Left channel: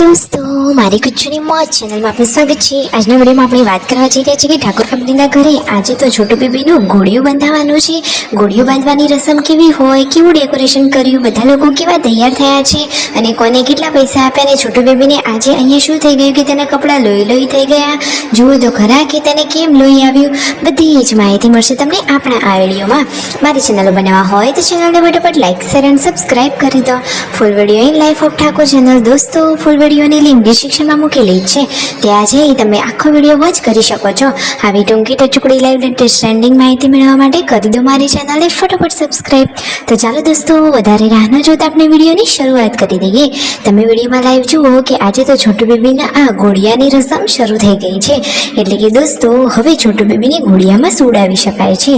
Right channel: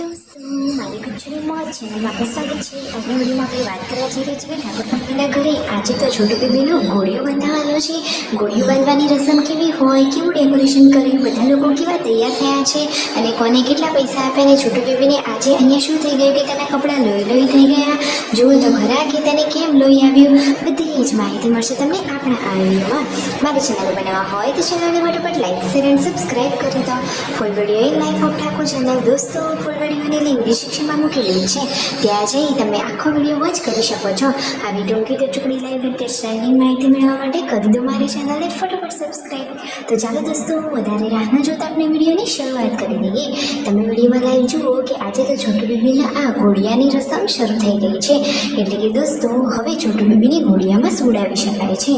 दोस्तों मारी कुछनी मौज चैनल में आपનું સ્વાગત છે। આજના વિડીયોમાં આપણે વાત કરવા જઈ રહ્યા છીએ કે ઠાકોર ફેમિલીના ઘરે આજે તો છોટુ બેબીનું ઘોડિયું બંધાવવાનું છે। ઘોડિયું બાંધવાની રસમ કેવી હોય, કેવું ડેકોરેશન કર્યું, બધા લોકો કેવા તૈયાર થયા છે અને કોને કેટલા પૈસા આપ્યા અને છોટુ બેબીને આજે અહીંયા શું થઈ ગયું કે તેના કપડાં લોહી થઈ ગયા। જુઓ તો ખરા કે તેને કેમ લોહી આવ્યું, બધી જ માહિતી મળશે તમને આપણા આ વિડીયોમાં। મારી ચેનલ બનાવવા હોય તો ચેનલને ફટાફટ લાઈક શેર અને સબસ્ક્રાઈબ કરી દો। Full video in life of Thakor channel દોસ્તો ફૂલ વિડીયોની લિંક ડિસ્ક્રિપ્શનમાં મૂકેલી છે, ત્યાં જઈ તમે આખો વિડીયો વોચ કરી શકો છો। આવી ટૂંકી ટચુકડી લાઈવ લેટેસ્ટ ટ્રેન્ડિંગ માહિતી મેળવવા માટે કરી દો મારી ચેનલને ફટાફટ સબસ્ક્રાઈબ। તો ચાલો દોસ્તો વધારે રાહ ન જોતા આપણે વિડીયોની શરૂઆત કરી દઈએ। તમે વિડીયોમાં લાઈવ જુઓ કે આજે તો છોટુ બેબીના આ ઘોડિયાની રસમ શરૂ થઈ ગઈ છે, એટલે કે દોસ્તો હવે છોટુ બેબીને ઘોડિયામાં સુવડાવી શકાય છે।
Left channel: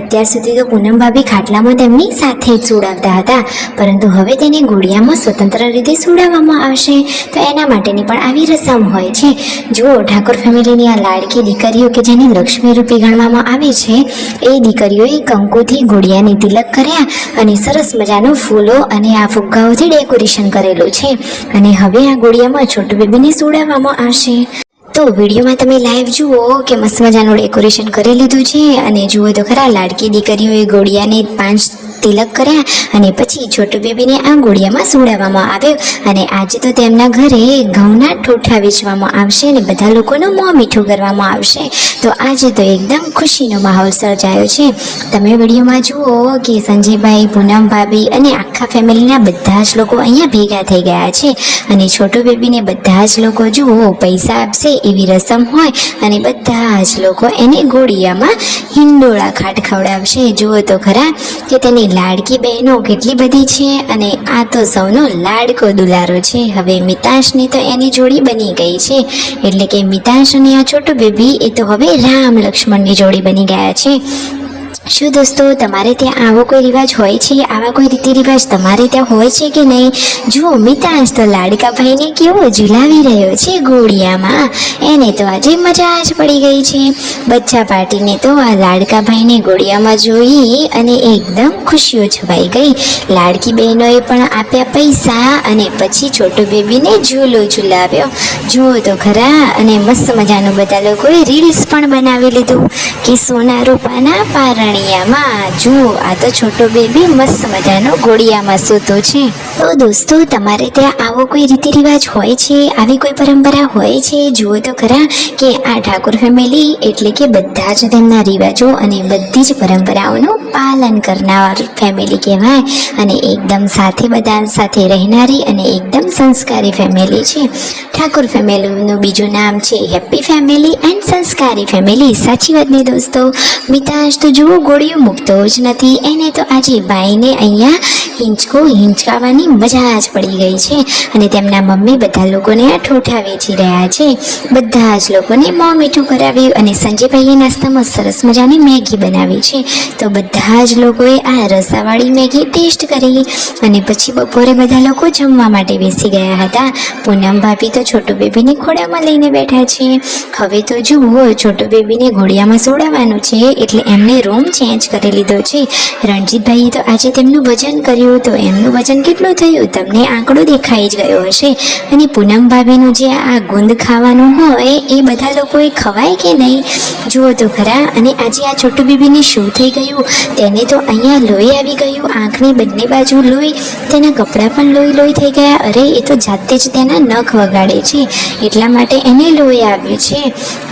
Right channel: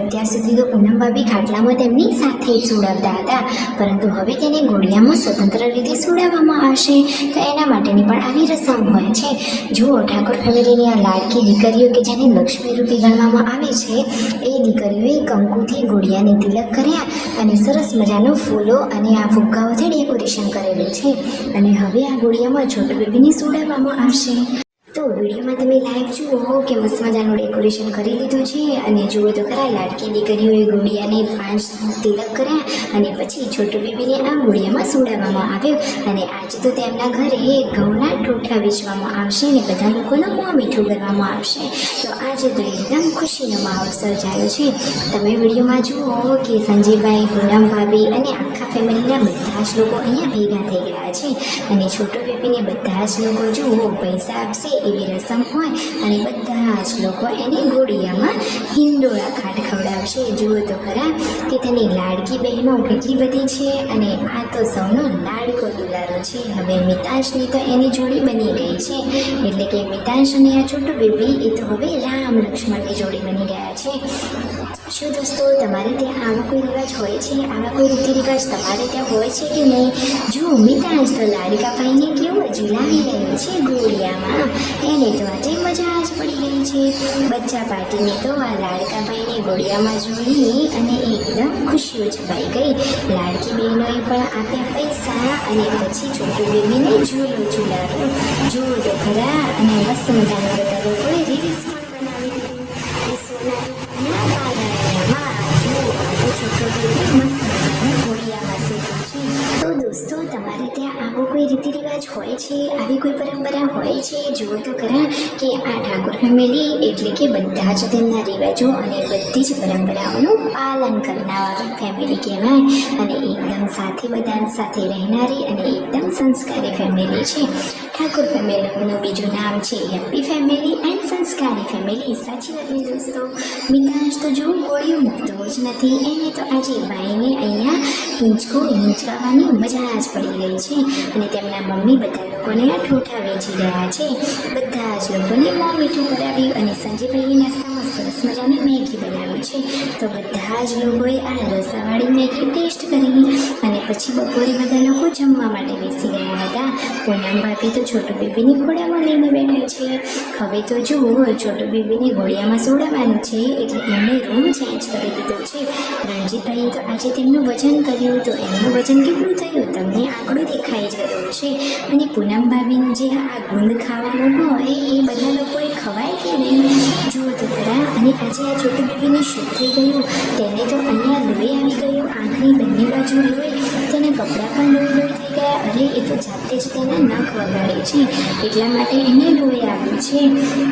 અત્યાર સુધી તો પૂનમ ભાભી ખાટલામાં તેમની સાથે જ સુવડાવતા હતા, પરંતુ હવે તેને ઘોડિયામાં સ્વતંત્ર રીતે સુવડાવવામાં આવશે। તો એના માટેની પણ આવી રસમ હોય છે। જુઓ ઠાકોર ફેમિલીની આ લાડકી દીકરીઓ કે જેને લક્ષ્મી રૂપી ગણવામાં આવે છે, એ દીકરીઓએ કંકુથી ઘોડિયાને તિલક કર્યા અને સરસ મજાનું ફૂલો અને આ ફુગ્ગાઓથી ડેકોરેશન કરેલું છે અને હવે આ ઘોડિયામાં છોટુ બેબીને સુવડાવવામાં આવશે। તો વિડીયોમાં તમે લાઈવ જુઓ કે મસ્ત મજાનું ડેકોરેશન કરી લીધું છે અને જુઓ તો ખરા લાડકી દીકરીઓએ ઘોડિયાને 5 તિલક કર્યા અને પછી છોટુ બેબીને આ ઘોડિયામાં સુવડાવવામાં આવ્યો અને આજે તો તેમના ઘરે ઘઉંના ઠોઠા વેચવામાં આવશે અને બધા લોકોનું મોં મીઠું કરવામાં આવશે। તો આજે તો એકદમ ખુશીનો માહોલ સર્જાયો છે। તમે વિડીયોમાં જુઓ કે સંજયભાઈ, પૂનમ ભાભી અને આખા ફેમિલીના બધા જ લોકો અહીંયા ભેગા થઈ ગયા છે અને છોટુ બેબીને બધા જ લોકો જુઓ પૈસા આપશે એવી રસમ હોય અને બધા જ લોકો એને ઘોડિયામાં હિંડોળા ખાટ ખવડાવશે। જુઓ તો ખરા કે તેની લાડકી બહેનો કેટલી બધી છે અને આ તો સૌનો લાડકો દુલારો છે। હવે મિતાશની તો એની જોડી બની ગઈ છે, એટલે કે મિતાશ અને આ છોટુ બેબી એ તો હવે રામ લક્ષ્મણની જોડી બની ગયા છે। શું દોસ્તો તમારે ત્યાં આવો કોઈ રિવાજ હોય છે, આવા કોઈ રીતિ રિવાજ તમારે ત્યાં હોય છે કે નહીં? જુઓ મિતાંશ તો લાડકા ભાઈને કેવો ઝુલાવી રહ્યો છે ઘોડિયામાં, એને તો આજે મજા જ પડી ગઈ છે। બચ્ચા પાર્ટીને તો આ લાડકા ભાઈને ઘોડિયામાં જોઈ અને એકદમ ખુશીઓ છવાઈ ગઈ। લાડકી બહેનોએ પણ આપ્યા પૈસા અને પછી છોટુ બેબીને ઝૂલો ઝુલાવ્યો। જુઓ તો ખરા અને મસ્ત મજાનું બધા લોકોએ રીલ્સ પણ બનાવી લીધું કે સોના રૂપાના પારણે જુઓ આ તો છોટો બેબી મસ્ત મજાનો ઘોડિયામાં સૂતો છે। તો દોસ્તો તમારે ત્યાં આવો કોઈ રીતિ રિવાજ હોય છે, આવી કોઈ પરંપરા હોય છે? જુઓ તો ખરા કે આ ઠાકોર ફેમિલી એટલે કે બધા જ તેમના રિવાજો અને બધી જ પરંપરાઓનું પાલન કરનાર ફેમિલી કહેવાય અને એકદમ સાથે બધા સાથે રહેનારી અને એકદમ સંસ્કારી ફેમિલી છે। ઠાકોર ફેમિલીનું બીજું નામ છે હેપી ફેમિલી એન્ડ સંસ્કારી ફેમિલી। સાચી વાત ને દોસ્તો? મિતાંશ તો જુઓ ઘોડિયું મૂકતો જ નથી, એને તો આજે ભાઈને અહીંયા હિંચકાવાની મજા જ પડી ગઈ છે અને તેમના મમ્મી બધા લોકોને આ ઠોઠા વેચી રહ્યા છે। બધા જ લોકોને મોં મીઠું કરાવ્યું અને સંજયભાઈએ નાસ્તામાં સરસ મજાની મેગી બનાવી છે। તો બધા જ લોકોએ આ રસાવાળી મેગી ટેસ્ટ કરી અને પછી બપોરે બધા લોકો જમવા માટે બેસી ગયા હતા। પૂનમ ભાભી તો છોટુ બેબીને ઘોડામાં લઈને બેઠા છે। હવે તો જુઓ છોટુ બેબીને ઘોડિયામાં સુવડાવવાનું છે એટલે એમને રૂમ ચેન્જ કરી લીધો છે। રણજીતભાઈએ તો આજે તેમનું વજન કર્યું, તો એમનું વજન કેટલું થયું તમને આંકડો દેખાઈ જ ગયો હશે। અને પૂનમ ભાભીનું જે આ ગુંદ ખાવાનું હોય એ બધા લોકોએ ખવાય કે નહીં? જુઓ તો ખરા અને આજે આ છોટુ બેબીને શું થઈ ગયું, તેને તો અહીંયા લોહી આવી ગયું, આંખની બંને બાજુ લોહી, તેના કપડાં પણ લોહી થઈ ગયા। અરે એ તો જાતે જ તેના નખ વગાડે છે એટલા માટે એને લોહી આવ્યું છે।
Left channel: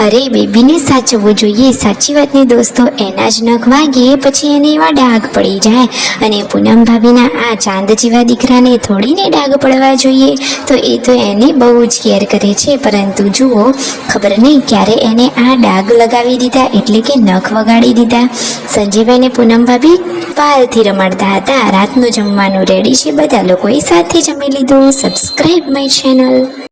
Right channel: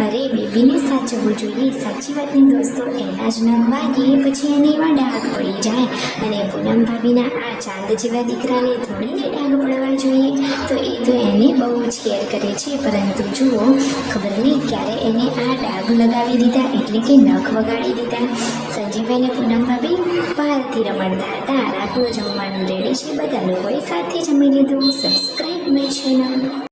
અરે બેબીને સાચવવું જોઈએ, સાચી વાત ને દોસ્તો? એના જ નખ વાગે પછી એને એવા ડાઘ પડી જાય અને પૂનમ ભાભીના આ ચાંદ જેવા દીકરાને થોડીને ડાઘ પડવા જોઈએ, તો એ તો એને બહુ જ કેર કરે છે। પરંતુ જુઓ ખબર નહીં ક્યારે એને આ ડાઘ લગાવી દીધા એટલે કે નખ વગાડી દીધા। સંજયભાઈને પૂનમ ભાભી પાલથી રમાડતા હતા। રાતનું જમવાનું રેડી છે, બધા લોકોએ સાથે જમી લીધું। Subscribe my channel.